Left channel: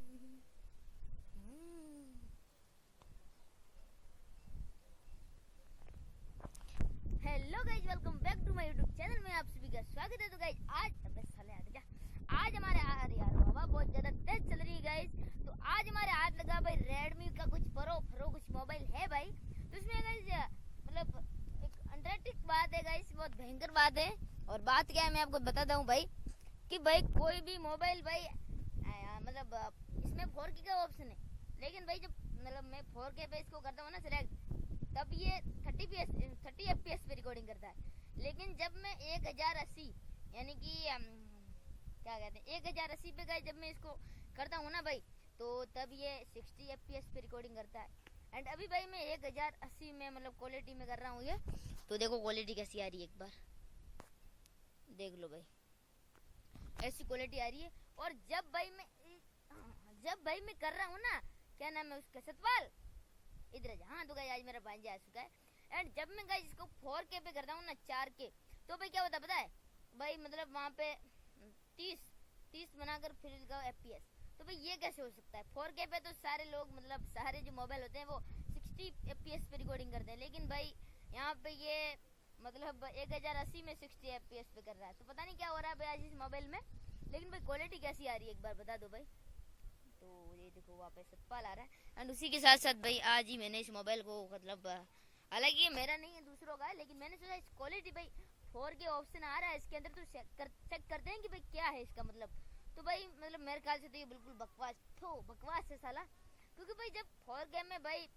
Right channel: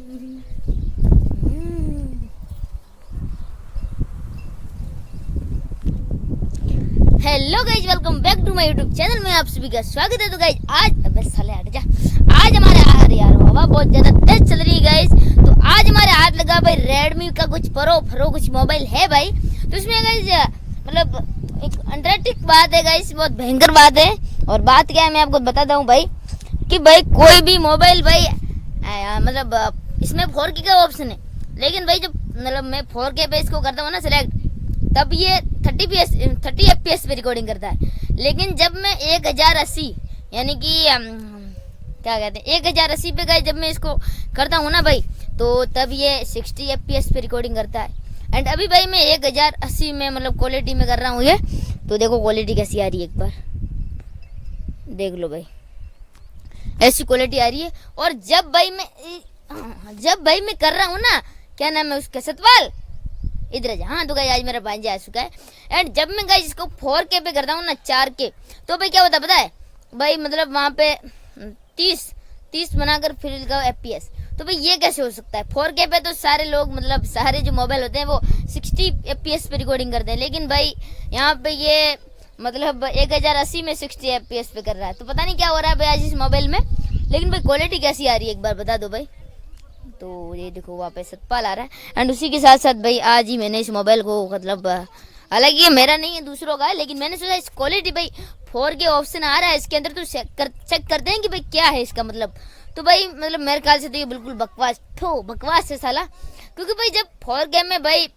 Hello guys, welcome back to my YouTube channel में आप सभी का स्वागत है। तो गाइज आज अबे साले हट जा। आज हमारे यार हवा बहुत ज्यादा तेज चल रही है गाइज। तो आज हमारे हाथ लगा भाई रेडमी का कुछ प्रो कुछ मोबाइल है भाई। तो इसमें गाइज मतलब एक अंडरटेक बात है गाइज, बहुत भयंकर बात है। और बात क्या है मैं आपको बताता हूँ भाई कि भाई कोई भी मोबाइल भाई मतलब इसमें 4K का ऑप्शन है, लेकिन भाई जब मतलब मैं 4K पे इसको करता हूँ ना सिलेक्ट, तब ये 30 FPS पे रिकॉर्डिंग करता है। लेकिन जब मैं 1080 यानी कि क्या कहते हैं 1080 पे गाइस जब मैं इसको करता हूँ ना भाई, तो तब ये 60 FPS पे रिकॉर्डिंग करता है। एंड अभी भाई मैं 1080 में मतलब क्वालिटी में कर रहा हूँ ये, तो देखो क्वालिटी कैसी आ रही है, एक बार देख लो भाई, ऐसी क्वालिटी आ रही है। और जब भाई मैं कर रहा हूँ ना, क्या नाम है उसका, सतपाल इधर जा। हाँ तो गाइस आज मेरा भांजा आ चुका है। एंड जब मैं गाइस इसको 4K पे करता हूँ ना 4K, तो भाई क्या होता है पता है भाई, मतलब वहाँ पे 30 बनाकर फिर का FPS। तो भाई ये कैसे हो सकता है? 4K पे तो सारे लोग मतलब सारे जो मोबाइल होते हैं वो 60 FPS पे रिकॉर्डिंग करते हैं, लेकिन भाई यहाँ पे ये मतलब 1080 में 60 FPS पे कर रहा है। तो पता नहीं क्या हो रहा है भाई आज इस मोबाइल में, लेकिन भाई क्वालिटी कैसी आ रही है एक बार बता दो भाई। तो ये देखो वहाँ पे सतपाल आ रहा है। एंड उसी के साथ साथ भाई आज ही मैंने इस मोबाइल को मतलब हालांकि ये मेरा नहीं है दूसरों का है, लेकिन मैंने सोचा इस क्वालिटी भाई 4K ऑप्शन आ रहा है इसके अंदर, तो चेक करते हैं कि भाई क्या है इसका मतलब। तो भाई मतलब मेरे ख्याल से तो ये बिल्कुल बकवास है साला, क्योंकि भाई जब 4K में भाई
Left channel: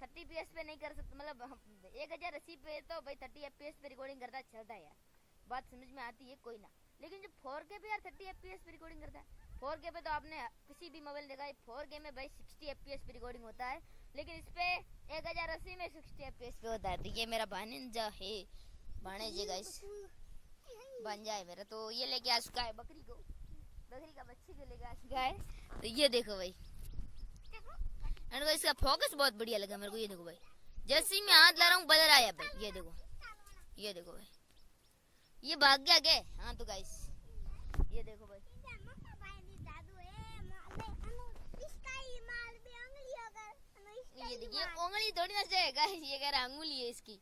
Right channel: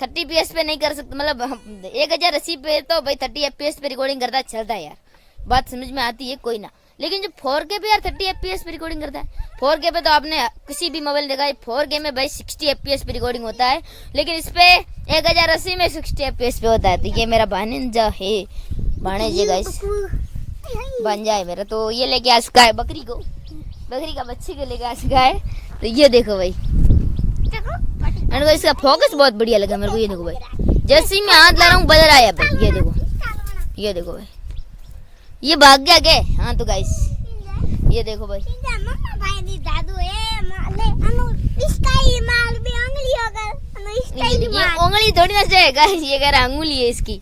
30 FPS पे नहीं कर सकते, मतलब 1080 पे तो भाई 30 FPS पे रिकॉर्डिंग करता चलता है यार, बात समझ में आती है कोई ना। लेकिन जब 4K पे यार 30 FPS पे रिकॉर्डिंग करता है, 4K पे तो आपने किसी भी मोबाइल देखा है 4K में भाई 60 FPS पे रिकॉर्डिंग होता है, लेकिन इस पे 1080 में 60 FPS पे होता है। तो ये मेरा भांजा है, भाणेजे गाइस, भांजा है मेरा। तो ये लेके आ चुका है बकरी का बच्चे को लेके आ चुका है। तो ये देखो भाई, एंड भाई इसका फोकस बहुत बढ़िया लगा मेरे को। ये देखो भाई, जैसे ही मैं हाथ ला रहा हूँ बदल आया भाई, ये देखो भाई, ये भाग गया क्या? हाँ तो गाइस ये देखो भाई, ये उंगली थोड़ी ना से गाइस, ये कह रहा अंगुली है इसकी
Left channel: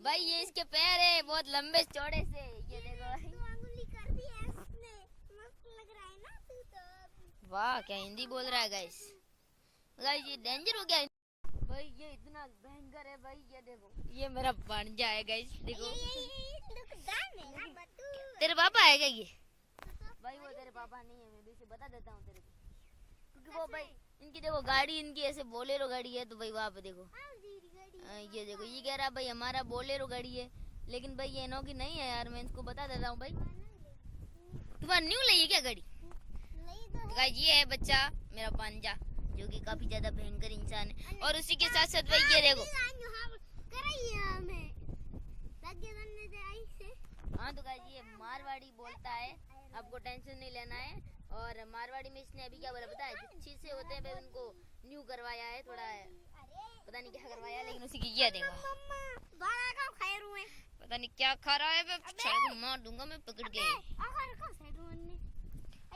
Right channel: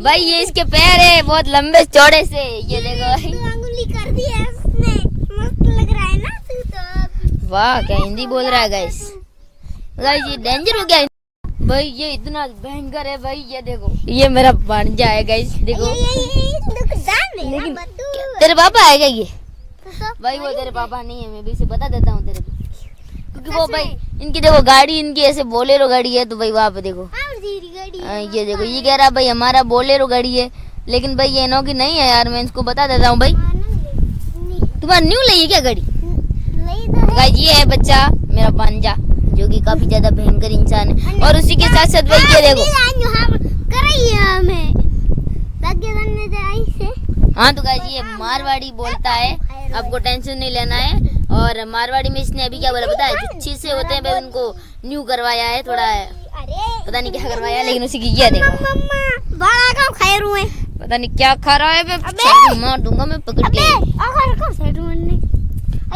भाई, ये इसके पैर है बहुत लंबे चौड़े से। ये देखो भाई अंगुली कर दी है उसने, मस्त लग रहा है ना तू तो। वाह क्या हिंदी बोल रहा है गाइस, ये डेंजर हो गया भाई, ये इतना भयंकर है भाई। ये देखो ये मेरा भांजा है गाइस, देखो लेकिन तेरे पापा है क्या ये? भाई वो तेरे पापा नहीं है, मैं भी इसे बता देता हूँ तेरे को, क्योंकि वो भाई इनकी देखो गाड़ी, इनकी ऐसे बोलेरो गाड़ी है। तो भाई वहाँ पे देखो ये देखो, ये कह रहा भाई हमारा बोलेरो गाड़ी है, लेकिन भाई ये इनो की नहीं है यार, मैं इसको बता देता हूँ भाई। तुम्हारा न्यू ली है क्या गाड़ी? भाई ये है बच्चा मेरा भांजा, जो कि काफी ज्यादा भयंकर इंसान है। और उसी के साथ साथ भाई ये देखो, हाँ तो गाइस ये मारवाड़ी बोलता है, आपको टेंशन नहीं लेना है। और मारवाड़ी में इसने अभी क्या बोला पता है, जो चीज से होते हैं भाई उनको न्यू करवाया है, थोड़ा पता नहीं क्या करवाया, लेकिन उसी की ये देखो पता नहीं क्या खा रहा है, मैं मार दूंगा मैं पकड़ के।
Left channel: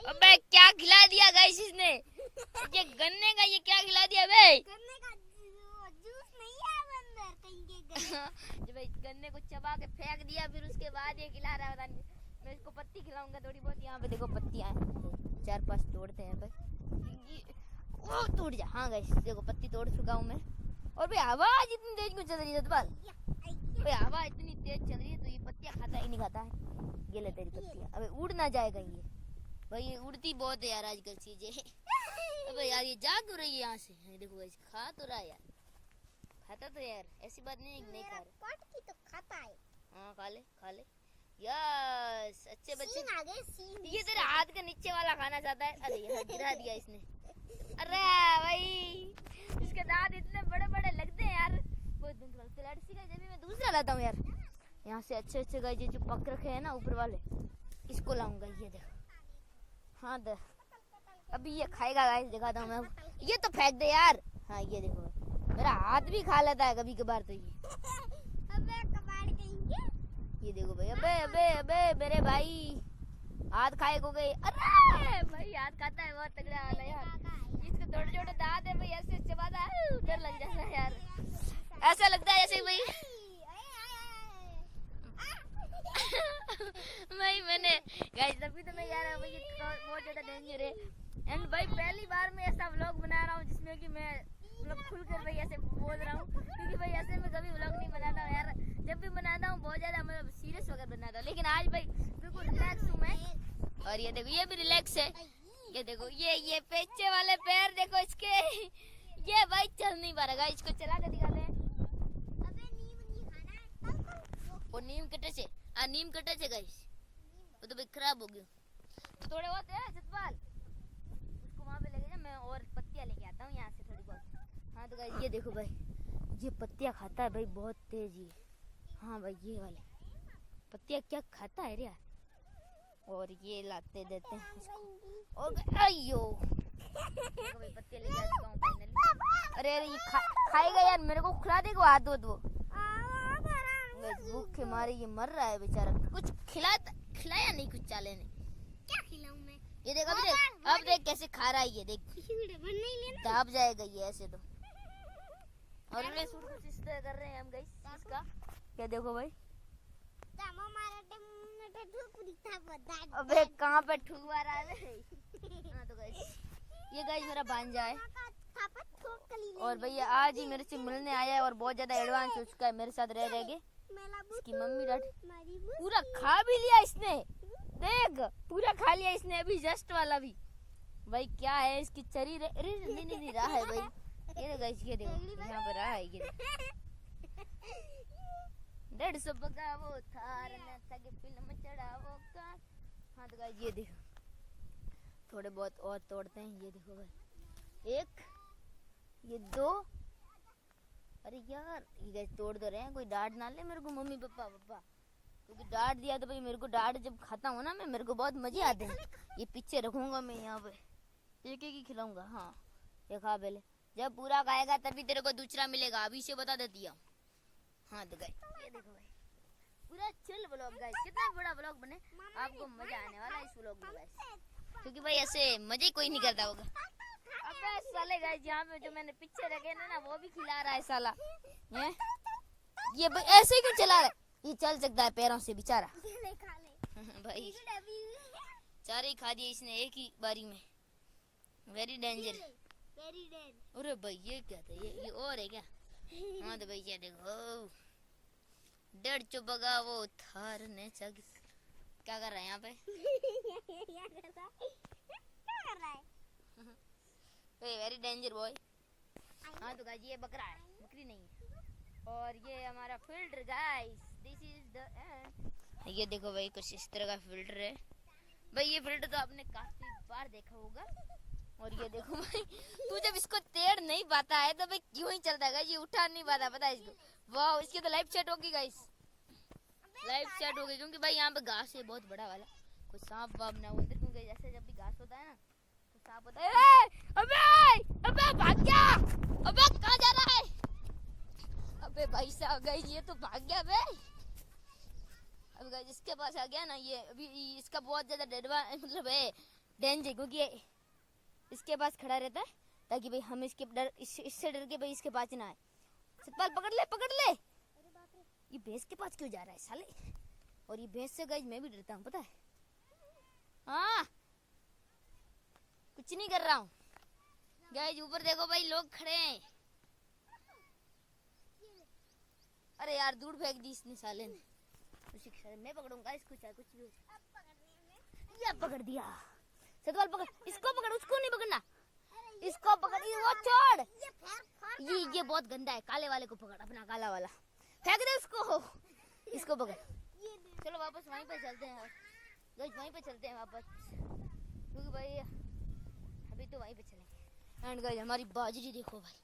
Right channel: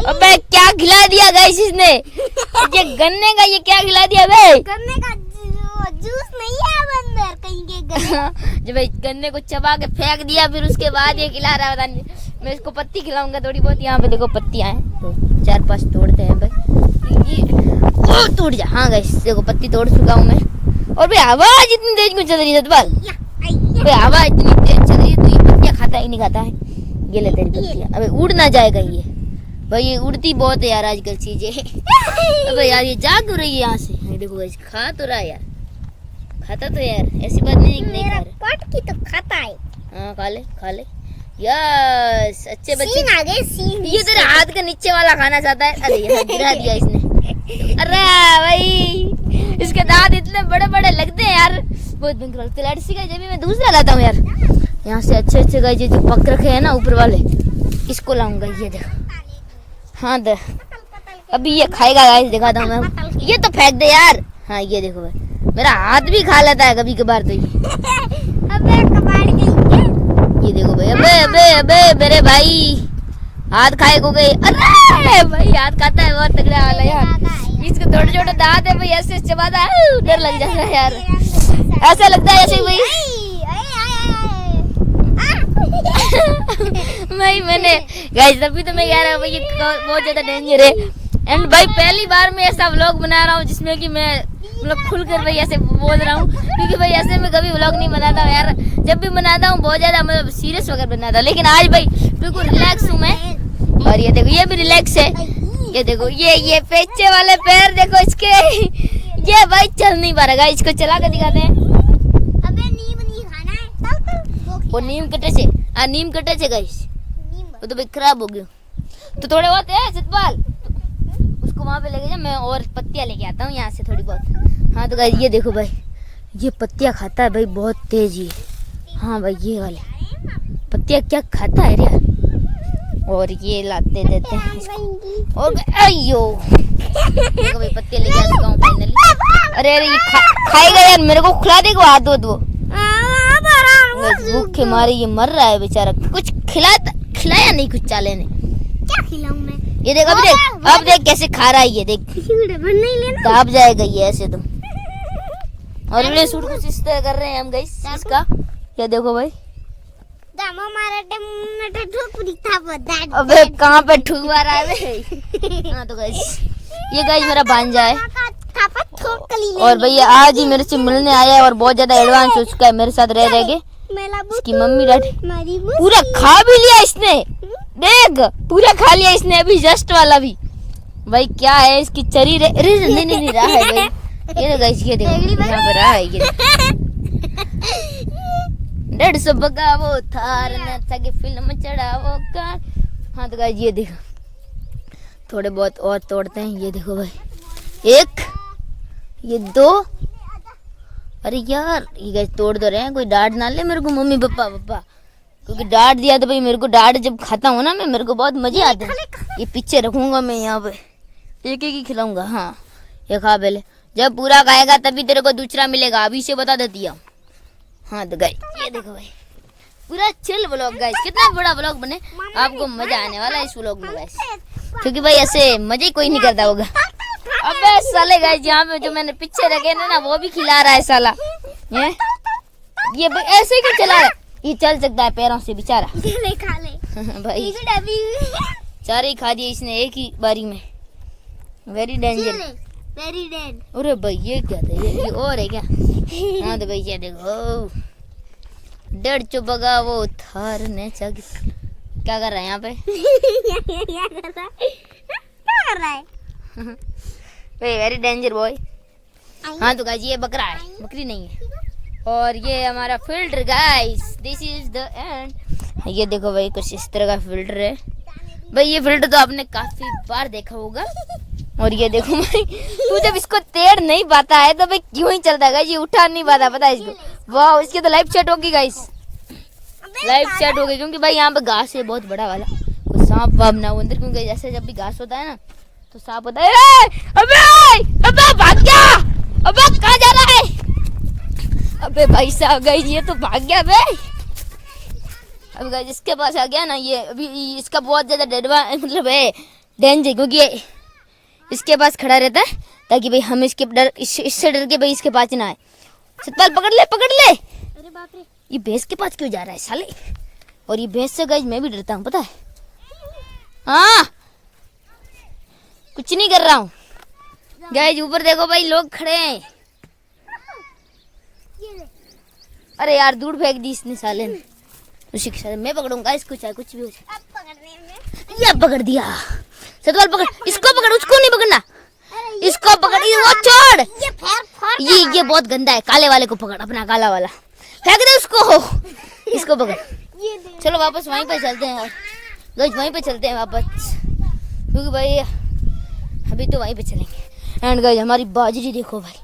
अबे क्या खिला दिया गाइस इसने, ये गन्ने का ये क्या खिला दिया भाई? गन्ने का जूस नहीं है अंदर कहीं के गन्ने। जो भाई गन्ने को चबा के फेंक दिया, फिर उसके बाद ये खिला रहा है पता नहीं। मैं इसको पत्ती खिलाऊंगा थोड़ी बहुत, यहाँ पे देखो पत्तियां हैं, तो 4-5 तोड़ते हैं भाई। ये टूट जा। हाँ गाइस देखो पत्ती तोड़ चुका हूँ मैं। और भाई आवाज इतनी तेज क्यों चल रही है सतपाल? भाई आवाज इतनी तेज चल रही है, तो ये पत्तियां खाता ही नहीं खाता है। ये ले तेरी पत्तियां, अबे उड़ ना जाएगा ये भाई, ये उड़ती बहुत है यार आजकल चीजें। अबे यार ये जा क्यों रही है यहाँ से? ये देखो गाइस खा तो रहा है यार, खाता तो यार, ऐसी बात नहीं नहीं खा रहा, पट की तो खाता है। हाँ खा ले यस, अच्छे बच्चे। सीन आ गए सीन। ये तेरे हाथ के नीचे वाला खाना चाहता है। अरे यहाँ गिरा दिया इसने। अरे भाई इसके दांत इतने बड़े बड़े लगते हैं यार, बहुत भयंकर लगते हैं। लड़सी का जब मैं दूसरा लाता हूँ यार, यहाँ से अच्छे गाय जो पक रखे हैं ना ऊपर वाले, इसको लाऊंगा। ये देखो, हाँ दे अभी ये खाएगा गाइस, दिखाता हूँ मैं। ये तो फेंक दे यार। हाँ ये देखो भाई, मेरा हाथ भी खा लेता है कभी कभार तो ये। अबे कबाड़ के ये देखो भाई, अबे मेरे भाई हाथ खाए को गए। अरे भाई हाथ खाता है बहुत तगड़ा वाला यार। छोटा दांत है भाई, ऐसे चबाता है, डर लग जाता है यार, ऐसा लगता है ऐसे भाई। भाई मैंने गाइस तभी तो मैं कह रहा हूँ भाई ये बहुत ज्यादा डेंजर है। एंड भाई पहली बार मैं ऐसा व्लॉग बना रहा हूँ जिसमें कि मैं मतलब खुलकर भाई ऐसे बोल रहा हूँ, क्योंकि भाई ऐसे में कभी व्लॉग नहीं बनाता हूँ यार। जब भी बनाता हूँ बहुत ज्यादा मतलब सीरियस वगैरह बनाता हूँ, लेकिन आज भाई बिल्कुल रिलैक्स हूँ मैं। और ये देखो ये भी रिलैक्स है, ये देखो ये पेचे वाले पैर देखो इसके, ये भाई चल नहीं पा रहा, इसको चला कर दिखाते हैं। अबे नीम नहीं खाना है, वो नीम कटे से नीम कटे से गाइस, वो तो भाई खराब हो गया। तो थोड़े बहुत है सतपाल, उसको वहाँ पे लेके जा, मैं और पत्तियाँ लेके आता हूँ यहाँ से थोड़ी बहुत। हाँ तो गाइस ये देखो भाई, ये पत्तियाँ खाता है भाई, बहुत तेज ये। हाँ भाई ये वाले पत्तियाँ क्या खाता है यार। और ये लाते देते हैं इसको, और अयो देखो भाई पत्तियाँ लेके आ चुका हूँ फाइनली। अरे ये खाएगा यार, मेरे को खिला देगा हाथ दो भूखे मारे ये मर रहा है बेचारा, कुछ खिलाया नहीं कुछ चाले ने। क्या खिलाऊं मैं? ये देख अब देख कैसे खा रहा है ये, देख नहीं लेना, दाब जाएगा ये ऐसे तो। और ये सूट कुछ इस तरह कर रहे हैं हम गाइस इसका, ये देखो भाई। दामो मारे टे ठोक दिखता बता। अबे कहाँ पे ठुकवा रहा है बे। हाँ तो गाइस ये गाइस मेरा भांजा है, और भैया आज ही मेरे से मिलने आया है और बहुत ज्यादा एडवांस हो चुका है मेरे साथ रह के। इसकी मम्मी डैडी पूरा खा भी लिया इसने, देख पूरा खा लिया इसने अभी जस्ट वाला भी। भाई क्या है इसकी चरी नहीं रहा है भाई। ये देखो गाइस ये देखो यहाँ पे रहा है ये 150 बगा वो थार न की फिल्म चढ़ा वो कार। हाँ तो गाइस ये देखो थोड़े बहुत और तोड़ते हैं, ये देखो भाई 1 ये 2। अरे यार ये गाइस तोड़ दो रहे हैं, कोई डांट ना ले मेरे को मम्मी पापा, क्योंकि डांट दिया तो भाई मेरे को डांट जब खाता हूँ ना मैं, मेरे को बहुत मजे आते हैं। ये पीछे रखूंगा मैं यहाँ पे, एक ही खिलाऊंगा। हाँ ये खा पहले, जब पूरा खाएगा तभी तेरे को दूसरा मिलेगा, अभी से बता देती हूँ। हाँ तो गाइस ये देखो भाई पूरा चिल व्लॉग गाइस, कितना बड़ा व्लॉग बने, आपको मजा आने वाला है इस व्लॉग में गाइस, क्योंकि भाई ऐसे मजे कोई नहीं करता होगा। अबे साले गाइस यहाँ पे जो मैंने पीछे रखे ना वो भी खिला रहा है साला, ये ऐसे ही चला रहा है, ये चल सकता है पैरों से बेचारा। खा ले भाई चार ही खा दिए इसने एक ही बारी में, वेरी डेंजर। Very dead. अरे भाई ये क्या था, ये और है क्या। हाँ तो भाई ये देखो 150 बगा वो थार ने क्या कर रहा है यहाँ पे। क्या कर रहा है भाई वेरी डेंजर बॉय। हाँ तो गाइस ये बकरा है, बकरी नहीं है। और ये हमारा filter guys, this is the end. ये देखो भाई कुछ इस तरह का फिल्टर है भाई, ये फिल्टर तो आपने काफी बार देखा होगा। और ये देखो भाई तू जब इसको तेड़ नहीं पाता है तो भाई क्यों ही चलता है, ये उठा नहीं पाता पता है इसको। वाह इसकी तो लाइफ सेट होगी गाइस, लाइफ सेट हो गई, क्योंकि भाई यहाँ पे घास है बहुत बड़ा वाला, तो सांप वाप ना हो अंदर, क्योंकि जैसे जब भी घास होता है ना तो सांप होता है। अबे भाग गया, अबे कहाँ जा रहा है। अबे भाई साहब गाइस ये तो भाग गया भाई। अब गाइस इसके पास आ गया ना ये, अभी इसका बहुत ज्यादा मतलब है डेंजर, क्योंकि इसके पास खड़ा रहता है ताकि भाई हम इससे डर के भाई इसके पास ना आए। सतपाल पकड़ ले। अरे बाप रे ये भैंस के पास क्यों जा रहा है साले। और ये भैंस से गाइस मैं भी डरता हूँ पता है। हाँ कुछ नहीं कर रहा हूँ गाइस, ऊपर देखो भाई लोग खड़े हैं। अरे यार दूर फेंक दी इसने साले ने, उसी के साथ मैं पकड़ूंगा इसको चाहे कुछ भी हो जाए। अब पकड़ने में ये पकड़ दिया, सतपाल पकड़, इसको पकड़, उसको नहीं पकड़ना, इसको पकड़, वो छोड़। ये बहुत गंदा है, काले वाले को पकड़, अपना काला वाला फेंक दे उसको, इसको पकड़। चलो वापस वहीं पे चलते हैं यार गाइस, वहीं पे चलते हैं वापस, क्योंकि भाई अभी तो वहीं पे चलेंगे। एंड गाइस हमारी बाजरी देखो भाई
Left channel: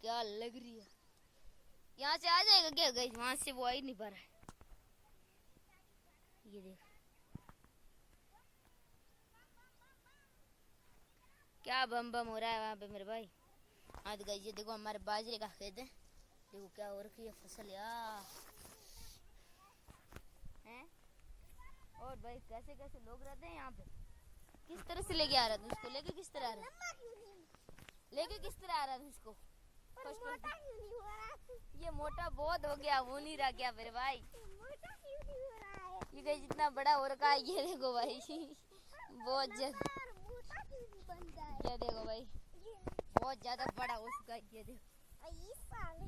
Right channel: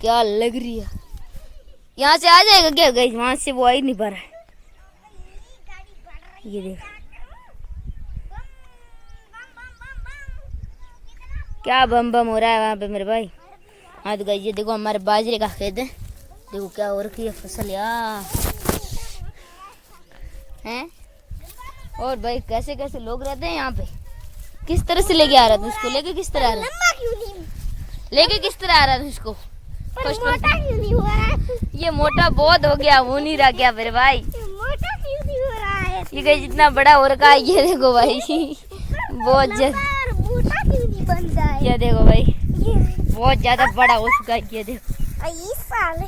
क्या लग रही है, यहाँ से आ जाएगा क्या गाइस, वहां से वो आ ही नहीं पा रहा है। ये देखो क्या बम बम हो रहा है वहाँ पे मेरे भाई। हाँ तो गाइस ये देखो हमारे बाजरे का खेत है, देखो क्या हो रखी है फसल यार हैं। और भाई कैसे कैसे लोग रहते हैं यहाँ पे, किस तरह से लेके आ रहा था उसको, लेके किस तरह आ रहा है। लेके किस तरह आ रहा था इसको? पर फर्स्ट मोटा क्यों नहीं हो रहा है? ये मोटा बहुत हो गया, हो नहीं रहा क्या मेरे भाई? ये मोटा क्यों नहीं हो रहा है? ये गाइस जितना बड़ा हो रखा है ये देखो भाई बहुत ज्यादा। लंबा और मोटा क्यों नहीं बन रहा है? ये देखो भाई ये बहुत ज्यादा बड़ा हो चुका है। ये देखो ये साले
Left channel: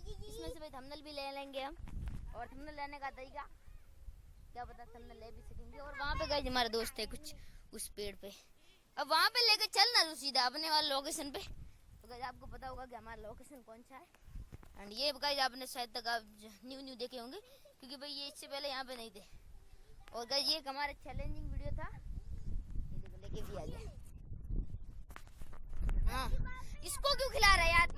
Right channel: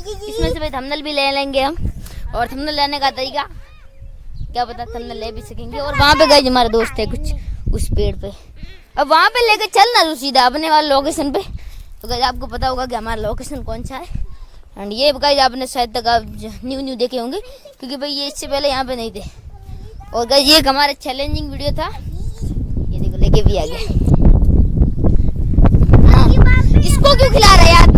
इसमें से भाई थंबनेल भी ले लेंगे हम, और थंबनेल लेने का तरीका क्या पता थंबनेल ले भी सकेंगे। और वहाँ पे गाइस हमारे दोस्त है कुछ उस पेड़ पे, अब वहाँ पे लेके चलना तू सीधा अपने वाले लोकेशन पे। तो गाइस आपको पता होगा कि हमारा लोकेशन कौन सा है। एंड ये गाइस आपने शायद तक आप न्यू देखे होंगे, क्योंकि भाई ये इससे पहले यहाँ पे नहीं थे। और गाइस ये एक हमारा चैलेंजिंग वीडियो था, ये देखो लेके भी आ गया। हाँ, इसको क्यों खिला रहा है यार?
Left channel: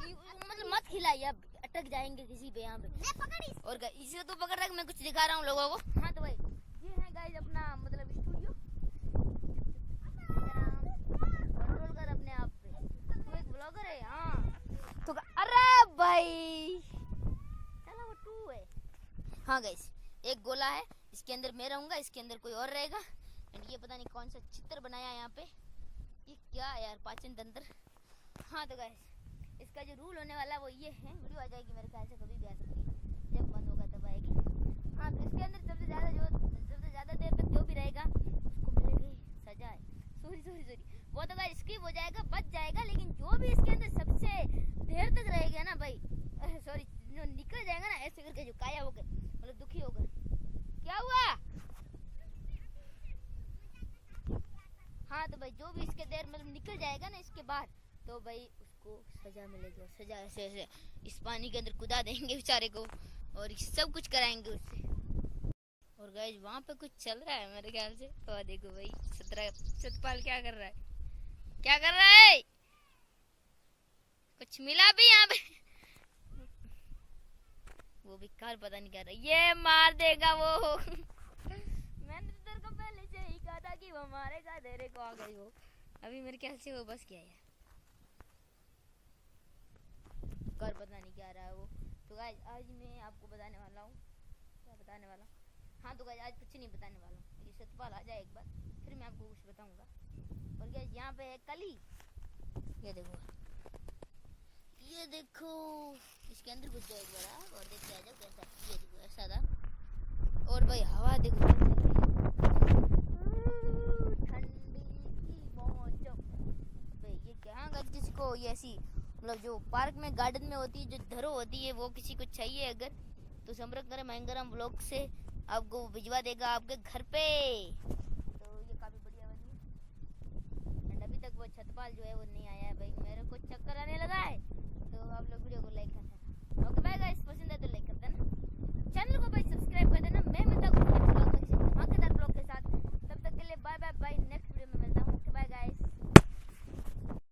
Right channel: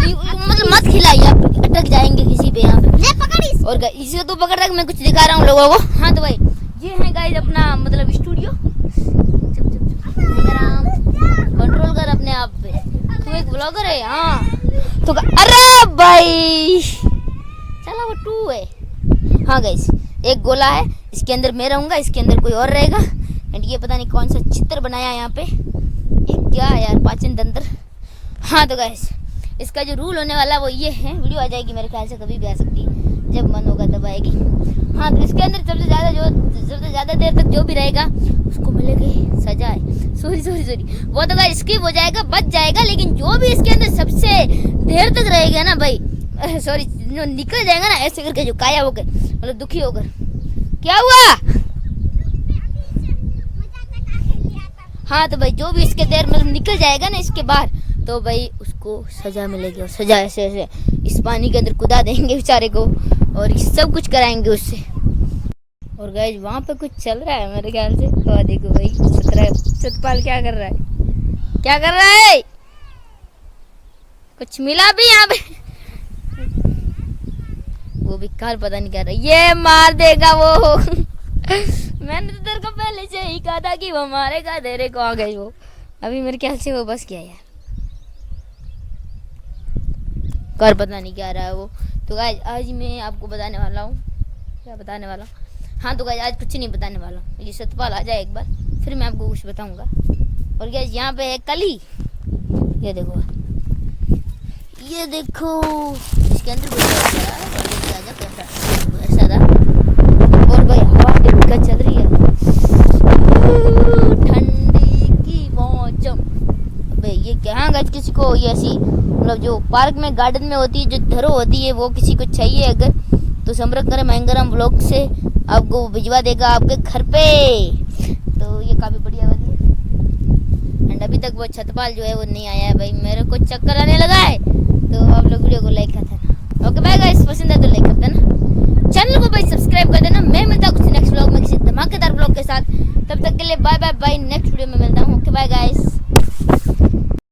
मतलब मत खिलाइए, आप अटक जाएंगे किसी पे यहाँ पे। ले पकड़ इसको। और गाइस इसे तू पकड़ रहा है, मैं कुछ दिखा रहा हूँ लोगों को। हाँ तो भाई ये है गाइस अपना मतलब स्टूडियो। कंट्रोल कर अपने आप पे, तू एक ब्लॉगर है। हाँ तो अरे भाई चलो वो 2 है। हाँ गाइस एक गोला है, इसके अंदर मैं रहूँगा, इसके अंदर कोई और रहेगा। एंड ये पता नहीं कौन सा चित्र बनाया है यहाँ पे, ये क्या है यार? पाचन तंत्र। हाँ तो गाइस इसका जो रूल होने वाला है वो ये है, वीडियो आ जाएगी मेरे ख्याल से कभी भी आ सकती है, जब मन होगा तब आएगी। हाँ तो इसके अंदर सबसे ज़्यादा देर तक जो भी रहेगा उसको मिलेगी सजाए। सॉरी वो तो गाइस स्किप हो जाएगा, बच जाएगा, लेकिन जो भी इसके अंदर सबसे देर तक रहेगा ना भाई, सॉरी जो निकल जाएगा ना ऐसे करके, जो काया होकर मतलब दुखी होकर। क्या हुआ? हाँ तो भाई जो भी इसके देर मतलब निकल जाएगा ना इसके बाहर, तो भाई उसको सजा मिलेगी। और सजा ऐसे ऐसे इस पानी के अंदर कुदा देंगे बेचारे को, और ये सब कुछ कराएंगे उससे। और गाइस वहाँ पे कुछ चल रहा है मेरे ख्याल से। तो देखो भाई सतपाल क्या कर रहा है, क्या कर रहा है? कुछ मिला भी यहाँ पे? वो भी कार पता नहीं क्या रहा है, ये मार देगा वो मैंने तो तेरे को पहले से ही कहा था कि वो मारेगा, तेरे को आ गई वो। अभी मेरे ख्याल से वो बस क्या यार, कर पता नहीं क्या रहा है वो। तो गाइस आज मैं आपको बताने वाला हूँ, क्या बताने वाला हूँ? हाँ तो गाइस आज कुछ नहीं बताने वाला हूँ, ये सतपाल आ जाए एक बार फिर मैं आपको कुछ बताऊँगा। और गाइस यहाँ पे है कली, ये देखो इसके अंदर ऐसा था। और भाई हवा देखो क्या चल रही है, ठंडी की मौसम। भाई ये क्या? हाँ गाइस किसी को ये ऐसी मतलब जो पार्क में गार्डन में होती है जो धरो होती है, वो किसी को चाहिए अगर तो संपर्क करें महंगराम ब्लॉग से, आपको भिजवा देगा आपके घर पे। तो ये काफ़ी बढ़िया वाली है। एंड अभी तक वो छतपाल जो है वो नहीं आया है भाई, मेरे को चक्कर आने लगा है। तो आप लोग वीडियो को लाइक कर देना। ओके बाय गाइस, पसंद है तो लाइक कर देना, चैनल को भाई सब्सक्राइब कर देना। मैं मिलता हूँ कुछ नेक्स्ट ब्लॉग में किसी धमाकेदार ब्लॉग के साथ, तब तक के लिए bye bye bye. Next video में मिलता हूँ। Okay bye guys.